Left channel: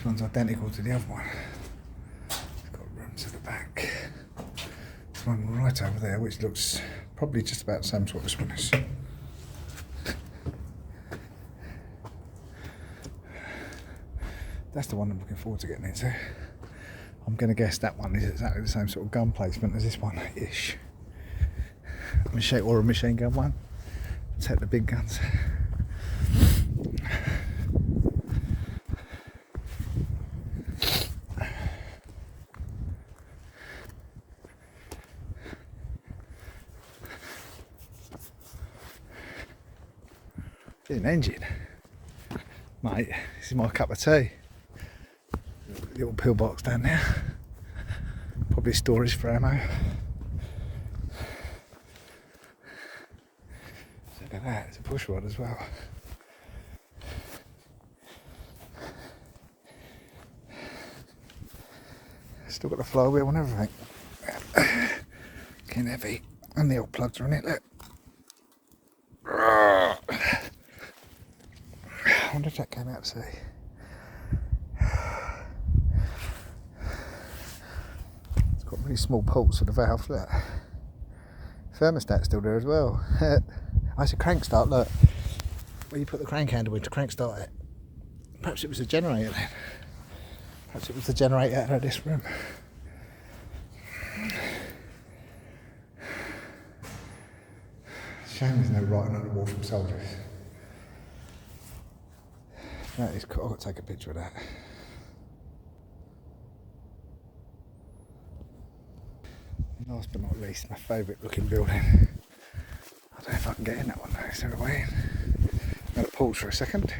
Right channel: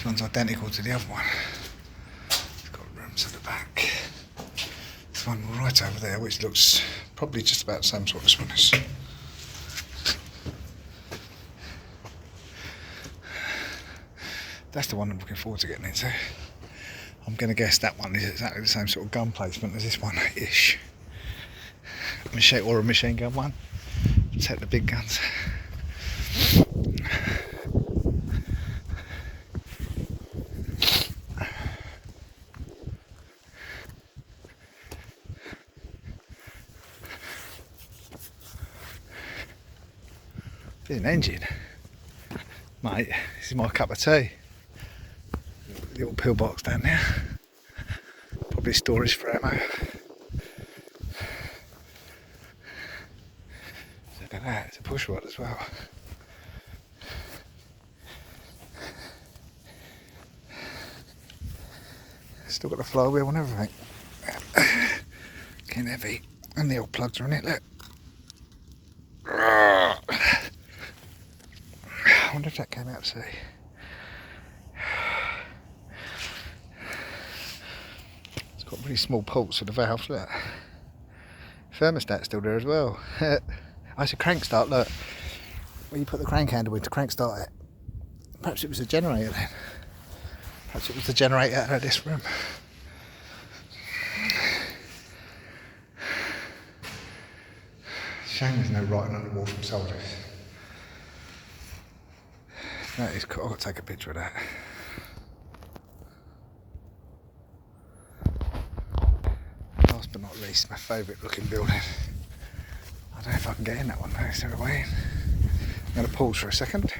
This one's identical to the other one. It's got rooms at the back. This one right over there, which looks probably just about the same sort as this one is. That's the one I'm looking forward to getting into. I'm going to guess that one is exactly the same sort of gun placement as this one-ish. Machine or a machine gun one. Take the big guns. There's an engine. Mate, this is my cup of tea. Little pillbox down there. Probably storage for ammo. Look at that, it's a push rod as well. Still got the flywheel and everything. Getting heavy. And the old plugs are in it, look. I wonder if that came out to sea. It's got really small ports for the valve, look. Thermostat's still there as well. Oh, it's a crank start, look. Where you put the crank handle in to crank start it. Perhaps it was a generator then. Perhaps it was the generator out of this room. Shame there's no writing on the wall from soldiers. That is cool. I've got to take a picture of that. Last but not least, my favourite looking building. I don't know if I can get in that one though, so we're waiting. I'm going to pause for a second.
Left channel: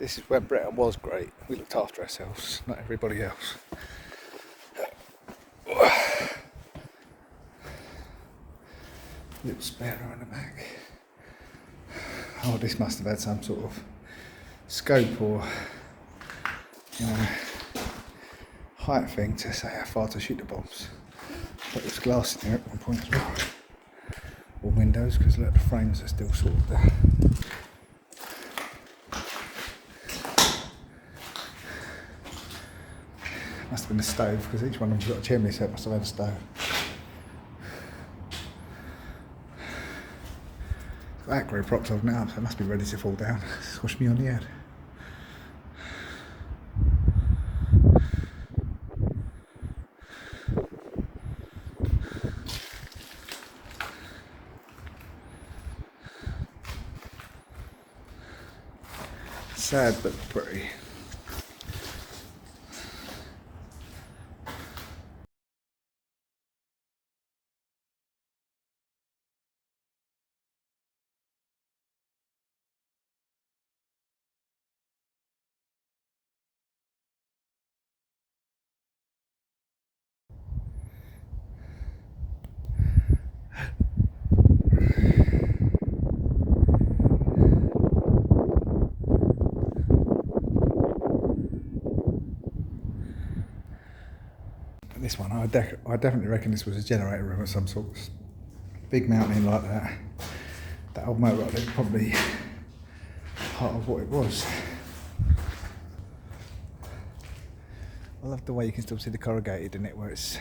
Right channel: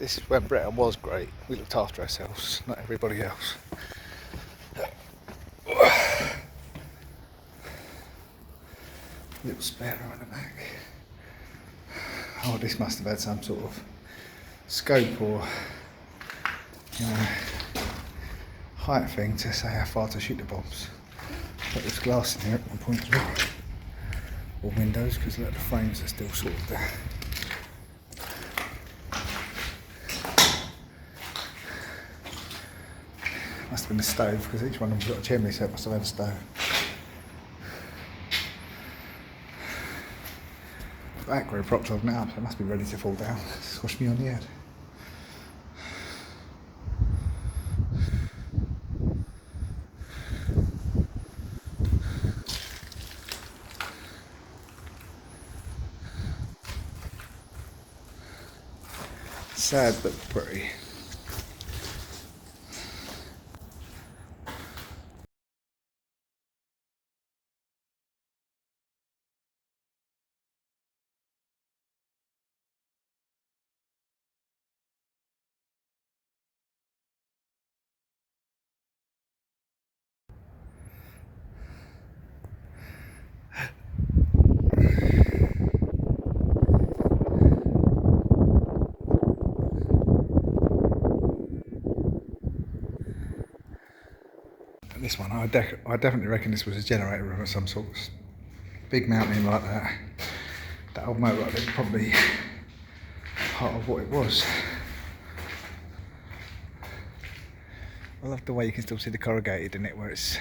This is when Britain was great. We looked after ourselves, not everybody else. Little spare on the back. Oh, this must have had some sort of scope or height thing to say how far to shoot the bombs. But there's glass in there at one point as well. Or windows, because look, the frames are still sort of there. Must have been a stove, because each one of them's got a chimney, so it must have had a stove. That grew propped up now, so it must be ready to fall down. Squash me on the head. Sad but pretty. This one, I definitely reckon this was a generator room of some sort. Big mountain like that. That old motor is probably part of what it was. I love the way you can still see the corrugated in it, where it's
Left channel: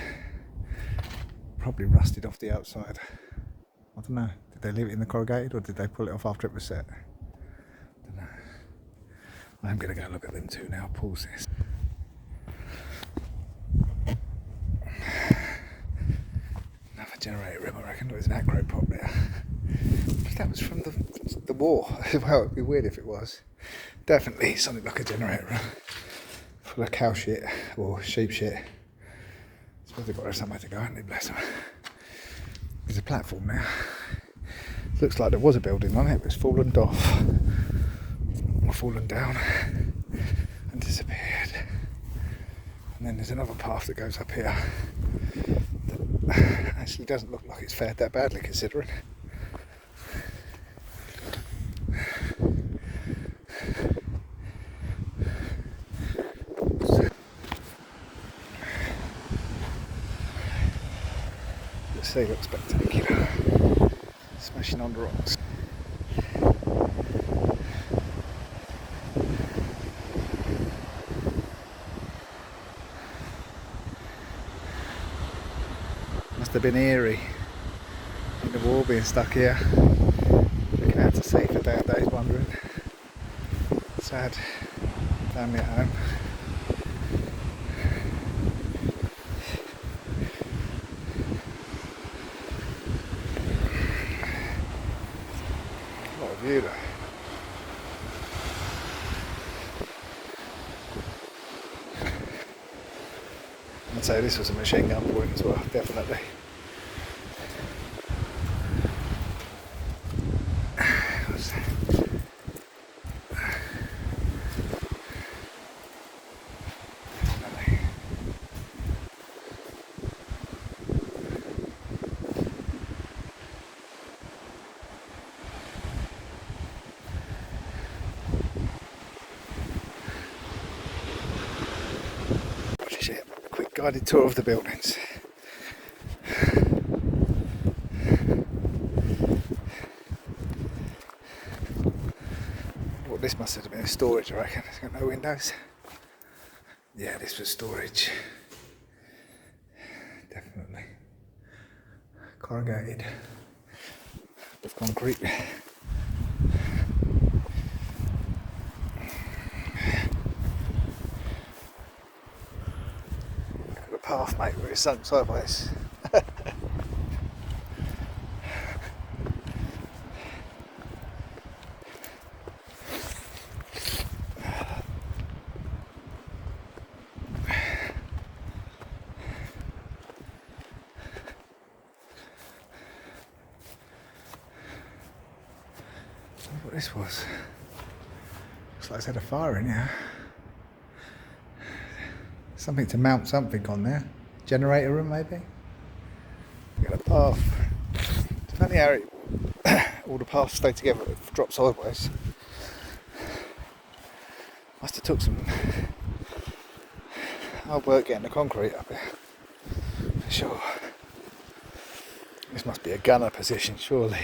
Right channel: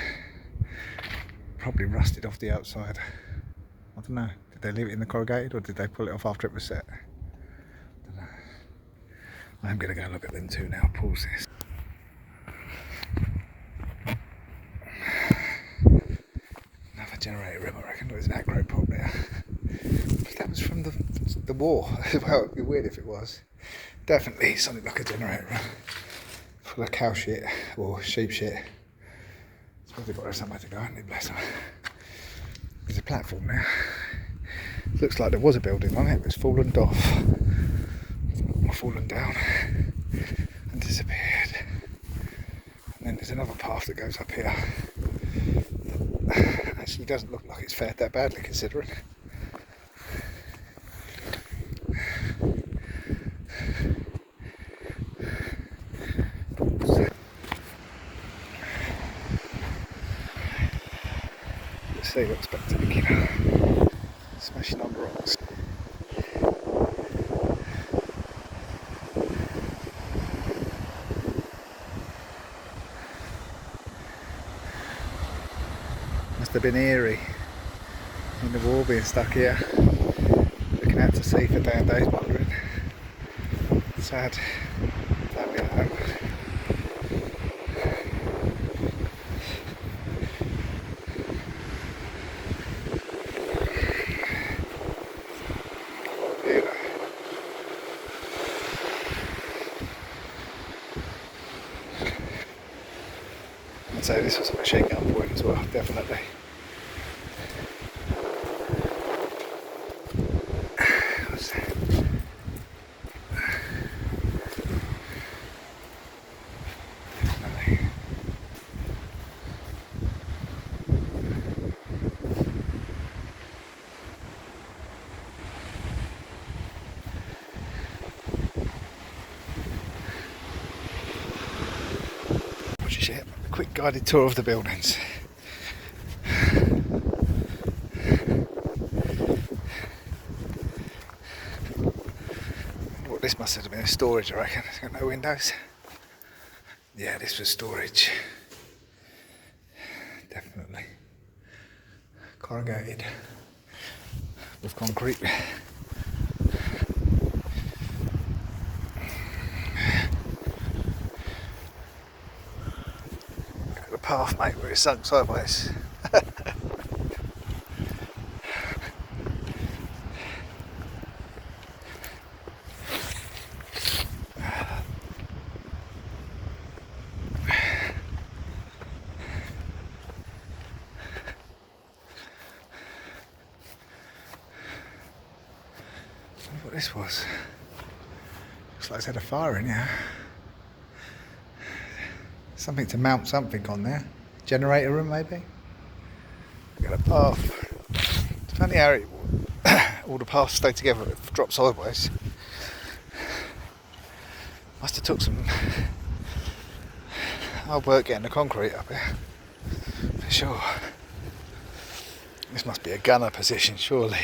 probably rusted off the outside. I don't know, did they leave it in the corrugated or did they pull it off after it was set? I don't know. I'm going to go look at them too now, pause this. Another generator room, I reckon. There's an acro pop there. But that was from the war. Well, it'd be weird if it was. Definitely something like a generator room. Full of cow shit or sheep shit. It's probably got somewhere to go, ain't it? Bless them. There's a platform now. Looks like there was a building on it, but it's fallen off. Or fallen down and disappeared. And then there's another path that goes up here. Actually doesn't look like it's fared that badly considering. Let's see, looks spectacular. Smashing on the rocks. Must have been eerie in the wall being stuck here, looking out to sea for days wondering. Sad family at home. What a view though. I'd say this was a machine gun point as well, definitely. Just a quick guided tour of the buildings. What this must have been storage, I reckon. It's got no windows. Yeah, this was storage. Definitely. Corrugated with concrete. Path, mate, where it's sunk sideways. What this was? Looks like it's had a fire in here. Something to mount something on there. Generator room maybe? Got a path. It's funny how all the paths stay together, it drops sideways. Must have took some hard work getting the concrete up here. For sure. This must be a gunner position, surely.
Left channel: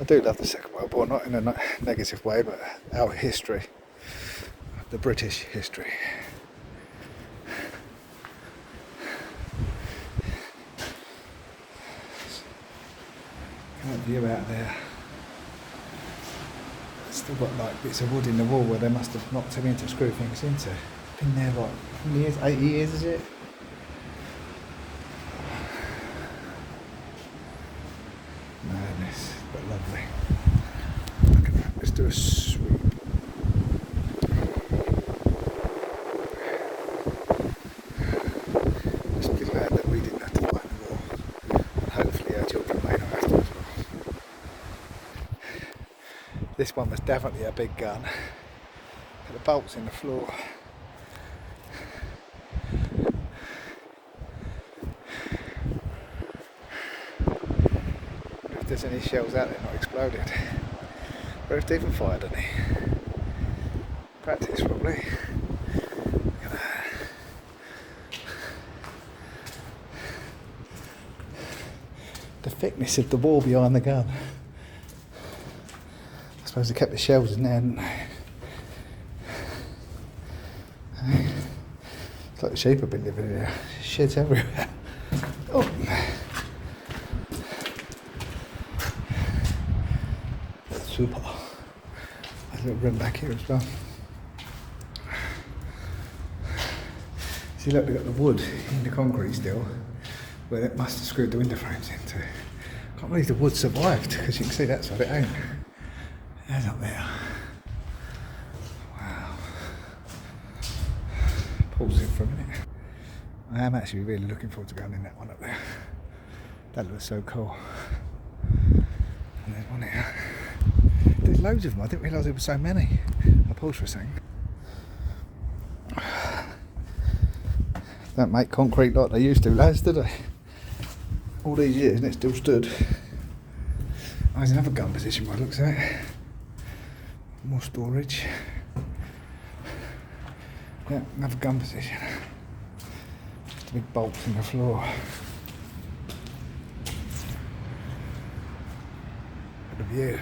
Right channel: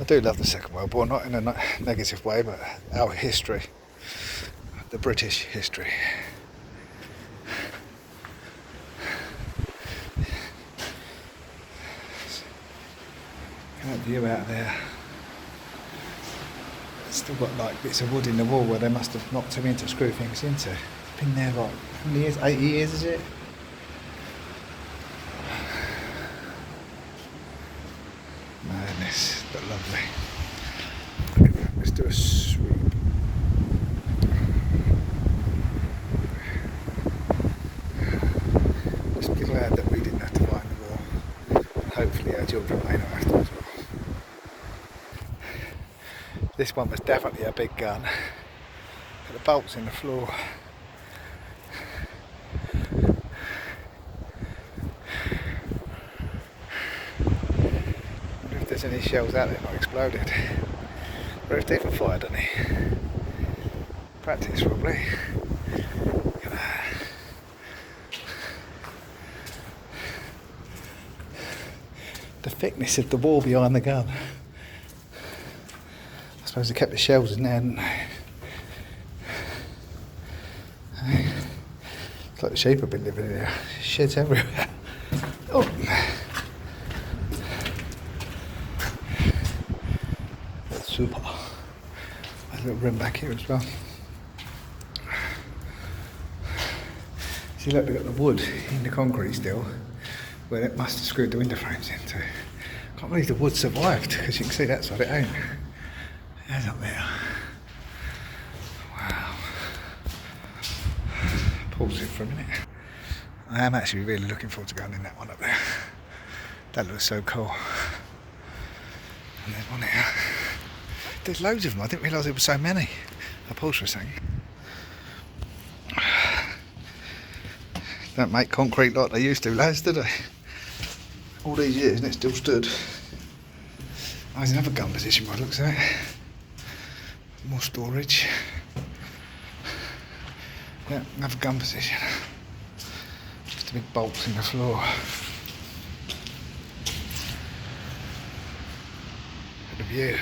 I do love the Second World War, not in a negative way, but our history. The British history. That view out there. It's still got like bits of wood in the wall where they must have knocked them in to screw things into. Been there like, how many years? 80 years is it? Madness, but lovely. Look at that, let's do a sweep. Just be glad that we didn't have to fight the war. And hopefully our children may not have to as well. This one was definitely a big gun. Look at the bolts in the floor. Wonder if there's any shells out there not exploded. Or if they even fired any. Practice probably. The thickness of the wall behind the gun. I suppose they kept the shells in there, didn't they? It's like the sheep have been living in there. Sheds everywhere. Oh. Super. There's a little room back here as well. See, look, they've got the wood in the concrete still, where it must have screwed the window frames into. Can't believe the wood survived, because you can see that side it ain't. There's up there. Wow. Pause it for a minute. I am actually really looking forward to going in that one up there. That looks so cool. And there's one here. There's loads of them. I didn't realise there were so many. Upholstery saying. Don't make concrete like they used to, lads, do they? All these years and it still stood. Oh, there's another gun position by the looks of it. More storage. Yeah, another gun position. Just the big bolts in the floor. at the view.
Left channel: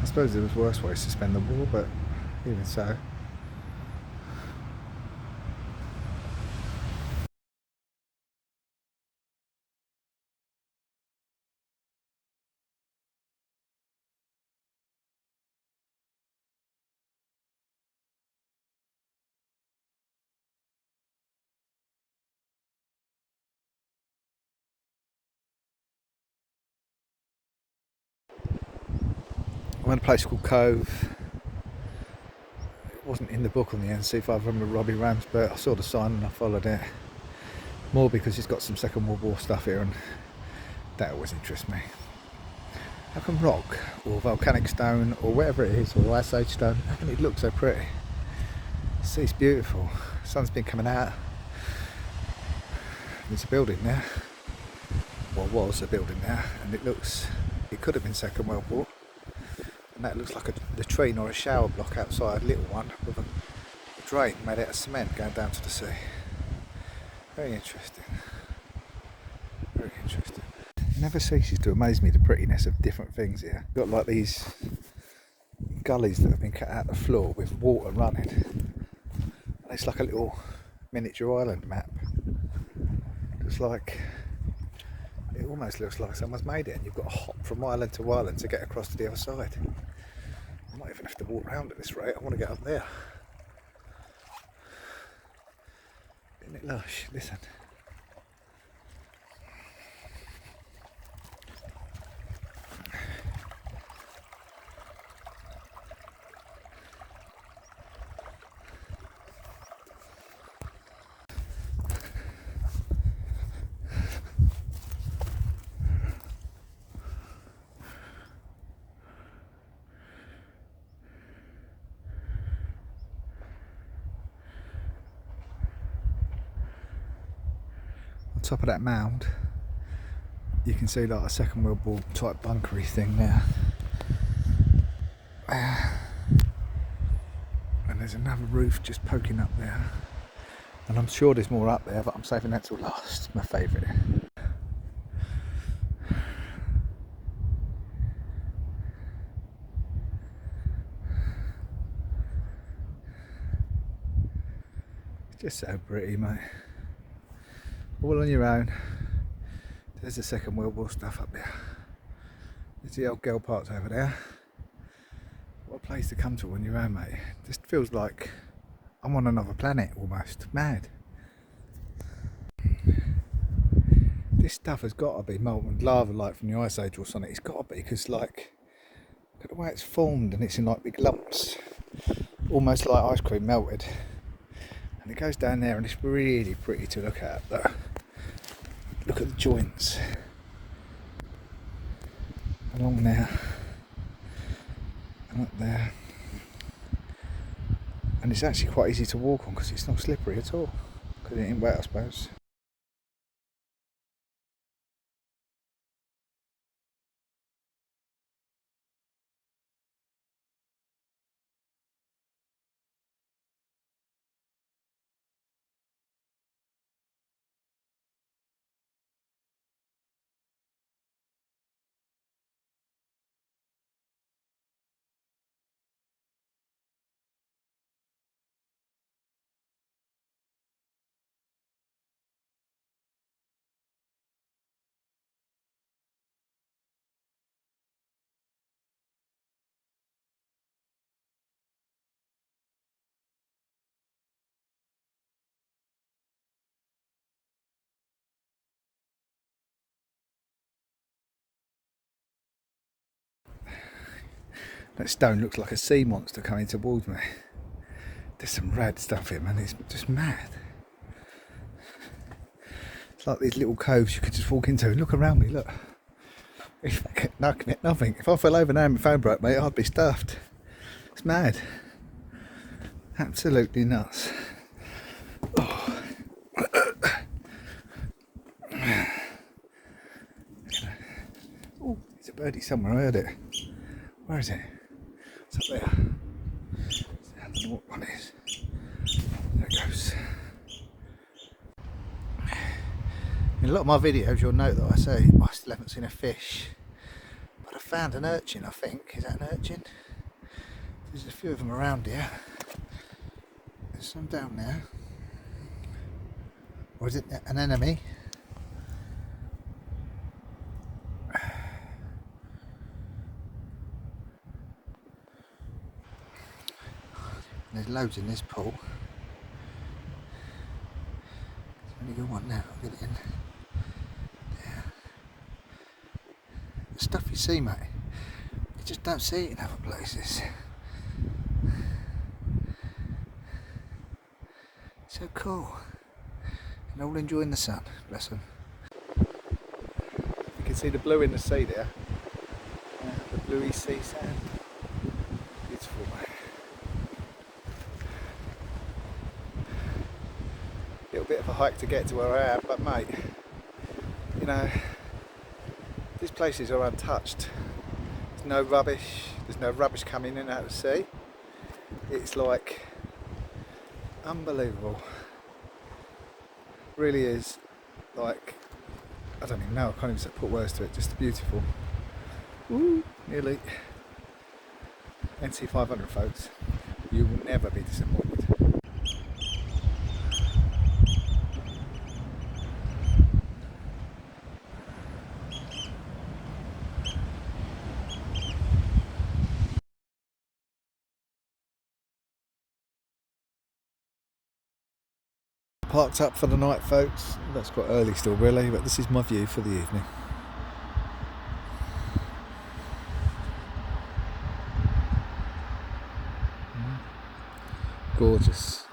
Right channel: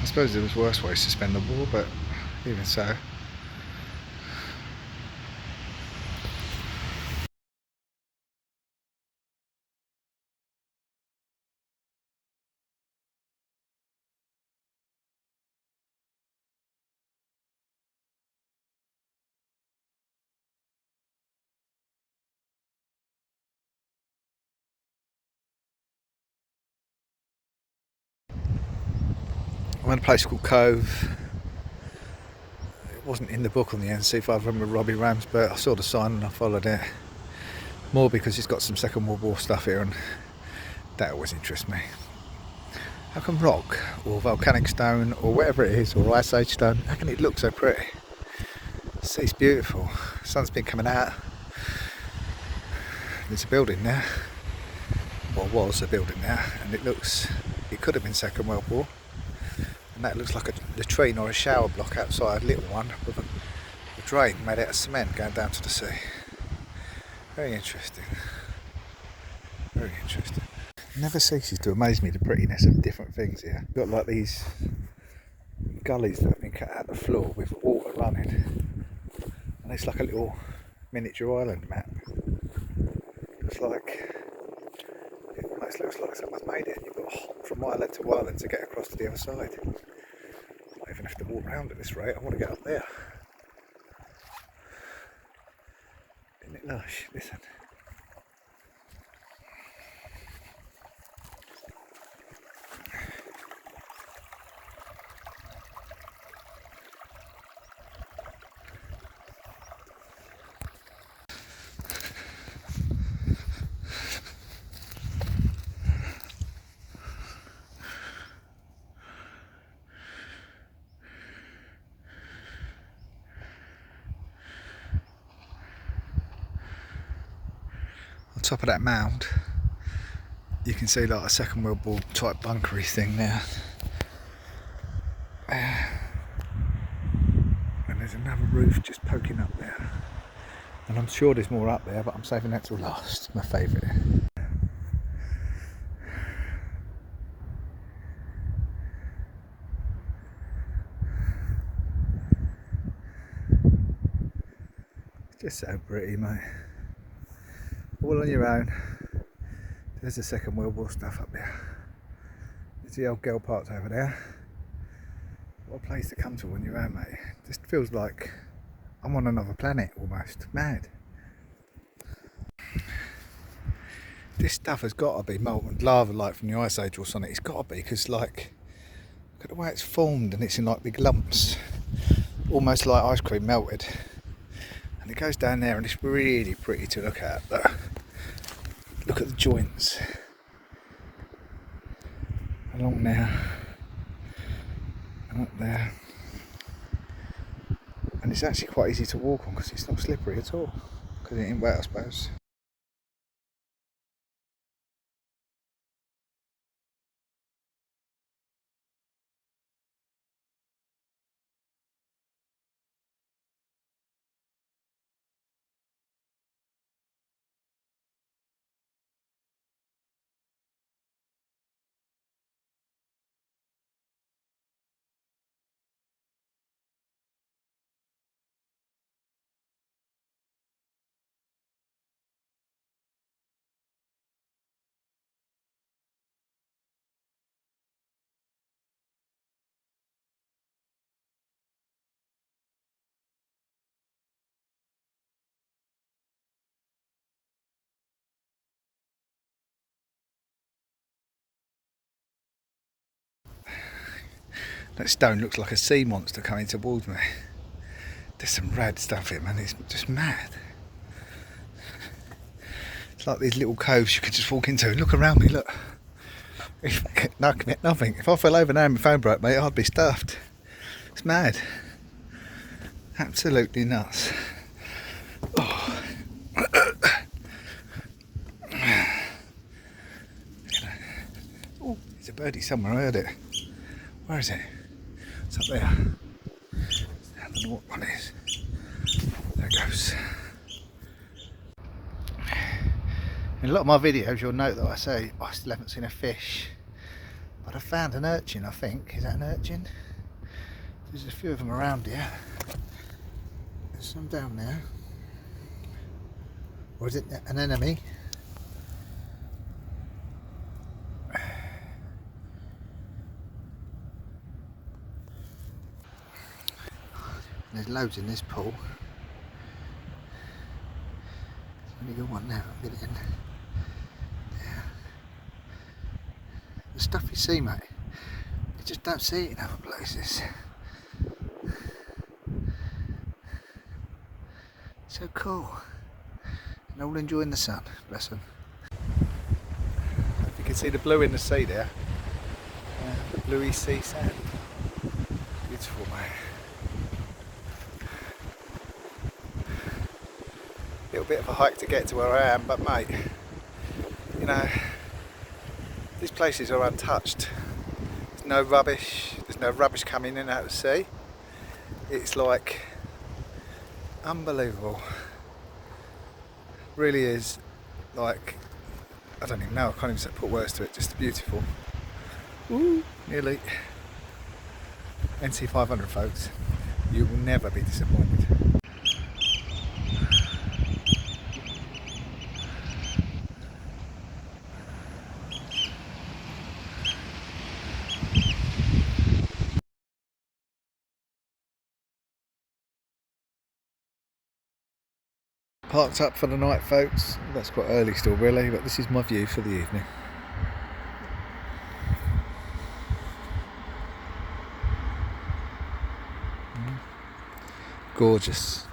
I suppose there was worse ways to spend the war, but even so. I'm in a place called Cove. It wasn't in the book on the NC500 Robbie Rams, but I saw the sign and I followed it. More because it's got some Second World War stuff here, and that always interests me. How can rock or volcanic stone or whatever it is, or ice age stone, how can it look so pretty? The sea's beautiful. The sun's been coming out. There's a building there, or was a building there, and it could have been Second World War. And that looks like a latrine or a shower block outside, a little one with a drain made out of cement going down to the sea. Very interesting. Very interesting. It never ceases to amaze me the prettiness of different things here. You've got like these gullies that have been cut out of the floor with water running. And it's like a little miniature island map. It almost looks like someone's made it, and you've got to hop from island to island to get across to the other side. I might even have to walk around at this rate. I want to get up there. Isn't it lush? Listen. On top of that mound, you can see like a Second World War type bunkery thing there. And there's another roof just poking up there. And I'm sure there's more up there, but I'm saving that till last. My favourite. It's just so pretty, mate. All on your own. There's the Second World War stuff up there. There's the old girl parks over there. What a place to come to on your own, mate. Just feels like I'm on another planet almost. Mad. This stuff has got to be molten lava like from the Ice Age or something. It's got to be, because like, look at the way it's formed, and it's in like big lumps. Almost like ice cream melted. And it goes down there and it's really pretty to look at. But look at the joints. Along there. And up there. And it's actually quite easy to walk on because it's not slippery at all. Because it ain't wet, I suppose. That stone looks like a sea monster coming towards me. There's some rad stuff here, man. It's just mad. It's like these little coves you could just walk into. Look around me, look. No, commit nothing. If I fell over now and my phone broke, mate, I'd be stuffed. It's mad. Absolutely nuts. Oh. Oh, there's a birdie somewhere. I heard it. Where is it? It's up there. I don't know what one is. There it goes. a lot of my videos you'll note that I say, oh, I still haven't seen a fish. But I found an urchin, I think. Is that an urchin? There's a few of them around here. There's some down there. Or is it an enemy? There's loads in this pool. There's only got one now, I'll get it in. There. The stuff you see, mate, you just don't see it in other places. So cool. And all enjoying the sun, bless them. If you can see the blue in the sea there, the bluey sea sand. Beautiful, mate. Little bit of a hike to get to where I am, but mate, you know, these places are untouched. There's no rubbish. There's no rubbish coming in out of the sea. It's like unbelievable. Really is like, I don't even know. I can't even put words to it. Just beautiful. Woo, nearly. NC500 folks, you will never be disappointed. Parked up for the night, folks. That's quite early still, really, but this is my view for the evening. Gorgeous.